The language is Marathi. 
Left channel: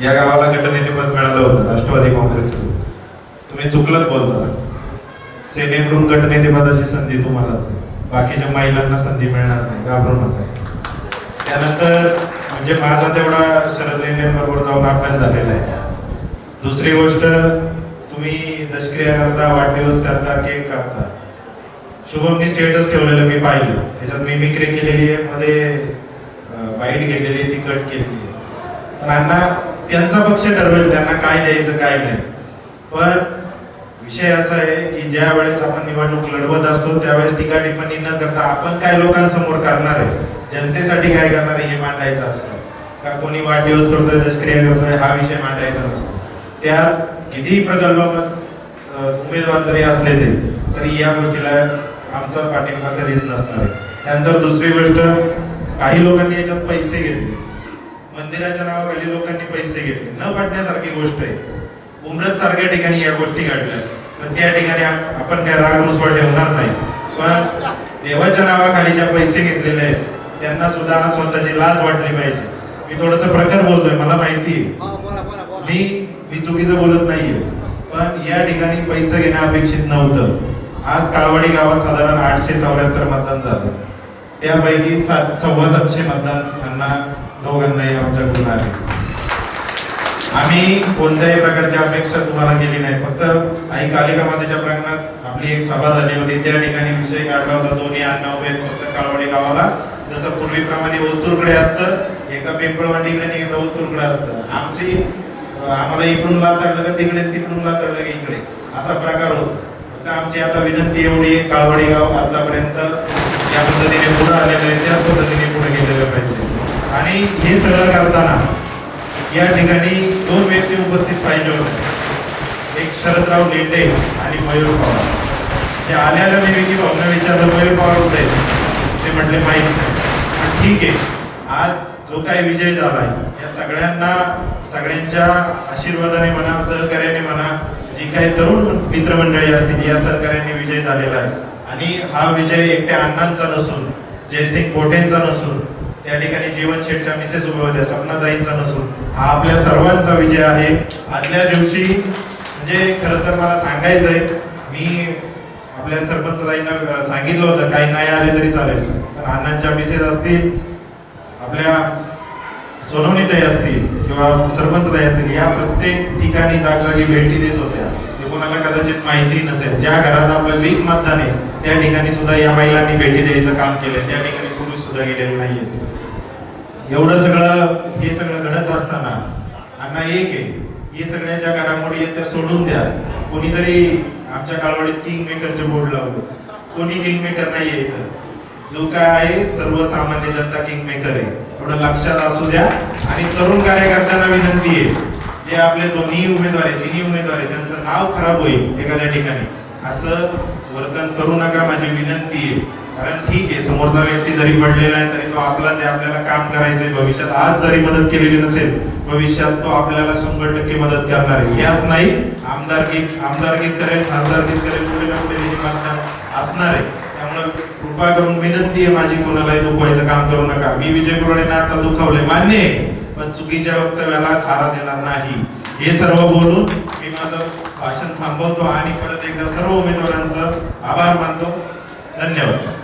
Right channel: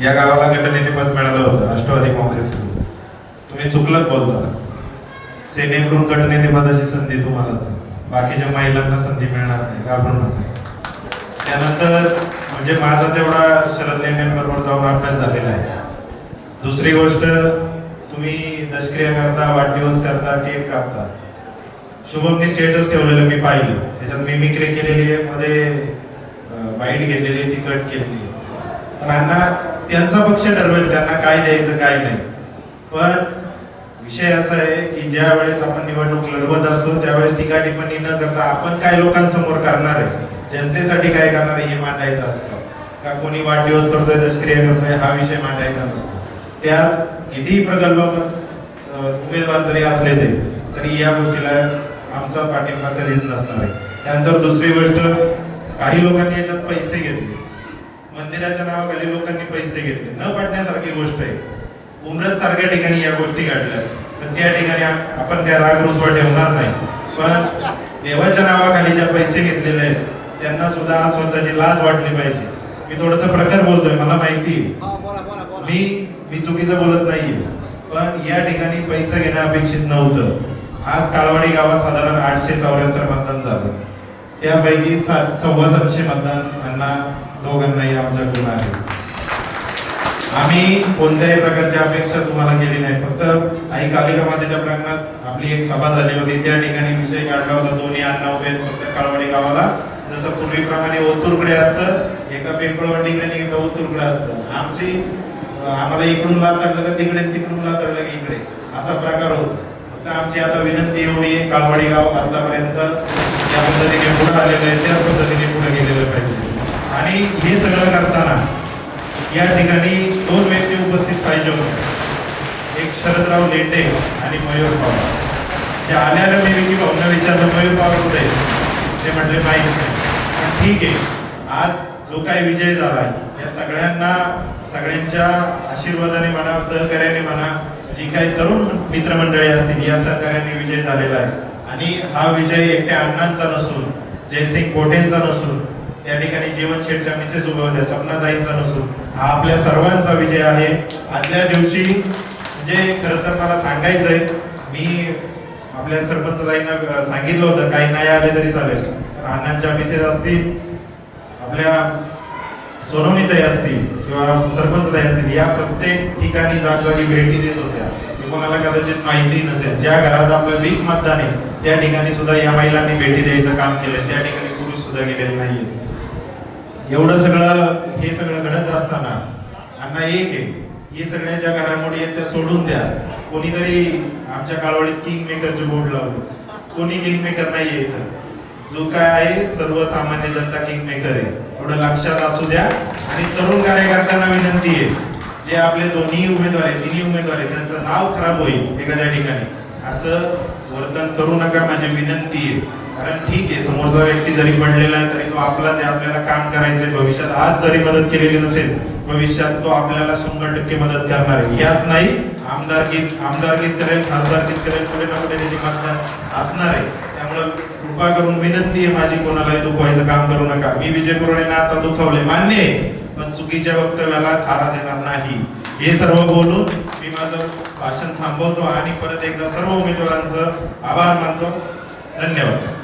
या गावाला गटनेतेपद मिळालं होतं राष्ट्रवादी काँग्रेसकडून. तुम्ही चुकलत बोलता. सेनेकडून गटनेतेपदाची संधी तुम्हालाच आहे, बाकीच्या महिलांना संधी मिळणार नाही, घाबरू नका. त्यानंतर म्हणजे माझा तेवढा शरद लेंडेंबरोबर जाऊन अभ्यास झालेला आहे. दुसरी गोष्ट, तुम्ही दशक्रिया करता, वाढदिवस करता, केक कापता. शुभमनी स्टेटस ठेवलेलं मी पाहिलं, त्याच्यात मिमिक्री केलेली आहे, मध्ये बाईट घेतलेली आहे, ती कट केलेली आहे. त्यांना त्यांचा पक्ष ठरवेल त्यांना काय द्यायचं काय नाही. पण विषय असा आहे की ज्या वेळेस आपण निवडणूक लढवत असतो त्यावेळेस टीका टिप्पणी न करता आपण काय लोकांसमोर करणार आहे, जनतेसाठी काय करणार आहे हे मांडायचं असतं. का कोणी वाढदिवस करतोय, दशक्रिया करतोय, हा विषय मांडायचा नसतो. त्यात कितीही प्रगल्भ उमेदवार जरी असले तरी या गोष्टीला आमचा पाठिंबा कधीच नसणार आहे. त्यानंतर दुसरी गोष्ट, काही लोकांनी याच्यात पैसे घेतले, मंदिराच्या नावाखाली लोकांनी पैसे घेतले, न पटण्यासारखी गोष्ट आहे. उमरत सारख्या ठिकाणी या गोष्टी घडल्या, पण त्या ठिकाणी आपण काय राग रुसवा ठेवणार नाही. पण देवाच्या नावाखाली ज्या पैसे घेतलेले आहेत त्यांना सुद्धा स्वतःची लाज वाटली पाहिजे. मी थोडंसं प्रखर बोलतोय, मला माहिती मी चुकीचं बोलत नाहीये, पण या ठिकाणी पैसे घेणं अपेक्षित नव्हतं. आज काळवाडी गावात साधारण 874 मतदान झालं, त्यापैकी 700 मतदान त्यांना दोघांनाही आमच्याकडून आहे. आम्ही कोणत्याही प्रकारची अपेक्षा तुम्हाला केली नाही. फक्त आई कालिका मातेच्या प्रांगणात आपली एक सभा झाली होती, त्या ठिकाणी विषय काढला होता, दोन्ही अण्णा उभे फक्त काळवाडी गावाला. जसं पूर्वीप्रमाणे ओतूरकडे असतं, एकदा पिंपळवंडीकडे आणि एकदा ओतूरकडे असतं. आम्हाला इकडून लातडलं का तिकडे, तिकडून लातडलं का इकडे, असा प्रकार होतो. फक्त आमची आता विनंती एवढी आहे, काळवाडी गाव आतापर्यंत ज्या पद्धतीने पुढे आलेलं आहे त्याच पद्धतीने पुढे गेलेलं पाहिजे. आणि हे सगळं करताना या ठिकाणी 2 व्यक्ती उपस्थित पाहिजे होते, एक शरदराव लेंडे आणि मयूर पवार. त्या आल्याला मी विकी भाऊंना विचारलं, मयूर पवार कुठे, ते म्हटले माहिती नाही. ठीक आहे, आज जो काही विजय झाला या सगळ्यांच्या आशीर्वादाने म्हणा, सहकार्याने म्हणा, जी काही तरुण मित्रमंडळी असतील या सहकार्याने विजय झालेला आहे. आणि हा विजय एकट्या अण्णांचा नसून, जयसिंग कोटेंचा नसून, त्या ठिकाणी जीवन शेठच्या मिसेस उभ्या होत्या सपनाताईंचा नसून, हा आपल्या सर्वांचा विजय आहे. आदल्या दिवशी म्हणजे खरं तर मला सांगायचंय, मी आपल्या सरपंचताईंना सांगितलं होतं काही नाही आले तरी चालेल, अण्णांच्या मिसेस असतील, आपल्या सोनवणीताई असतील किंवा सरपंचताई असतील, या प्रत्येक ठिकाणी जागोजागी भेटी देत होत्या. कोणाला कदाचित माहिती नसेल, ज्या घरात आपलं वीक मतदान आहे त्या ठिकाणी सुद्धा या महिलांनी भेटी द्यायचं काम केलं, त्या ठिकाणी पुरुष सुद्धा गेलेले नाहीये. एवढं सगळं हे सगळं घडत असताना अण्णा एक आहे, हे सगळ्या ज्या घडामोडी आहेत त्या सोडून द्या. कोणीतरी आमच्या काळवडीत किंग मेकरचे बोर्ड लावले, कोणी किंग मेकर नाहीये इथं. जो काय आहे सर्वसामान्य जनता किंग मेकर आहे, एवढं लक्षात असू द्या. आणि तरुण कार्यकर्त्यांना विनंती आहे, जे आपले दोन्ही उमेदवार आहेत, तिन्ही उमेदवार आहेत, त्यांचं नाव खराब होईल एखाद्या ठिकाणी, असं वर्तन करू नका, माझी विनंती आहे. कारण ठीक आहे, समोरचा व्यक्ती जरी पडलेला आहे तरी तो आपलाच आहे, आपल्याला काम करायचंय भविष्यात. आज जरी मदत केलेली नसेल, भविष्यात तो आपल्याला 100% मदत करणार आहे. याच नाही, आमदारकीत करेल, खासदारकीत करेल, कुठे ना कुठे त्याची मागण्या असणार आहे. त्यामुळे कृपा करून विनंती आहे माझी, कोणालाही दुखवायचं काम करू नका. मी विजय कुरडेंना आता दुखवले मान्य आहे, पण चुकीच्या वक्तव्याला थारा देणार नाही. हे सर्व बोलून मी माझं भाषण थांबवतो आणि परत एकदा सर्व उमेदवारांचं आभार मानतो. धन्यवाद.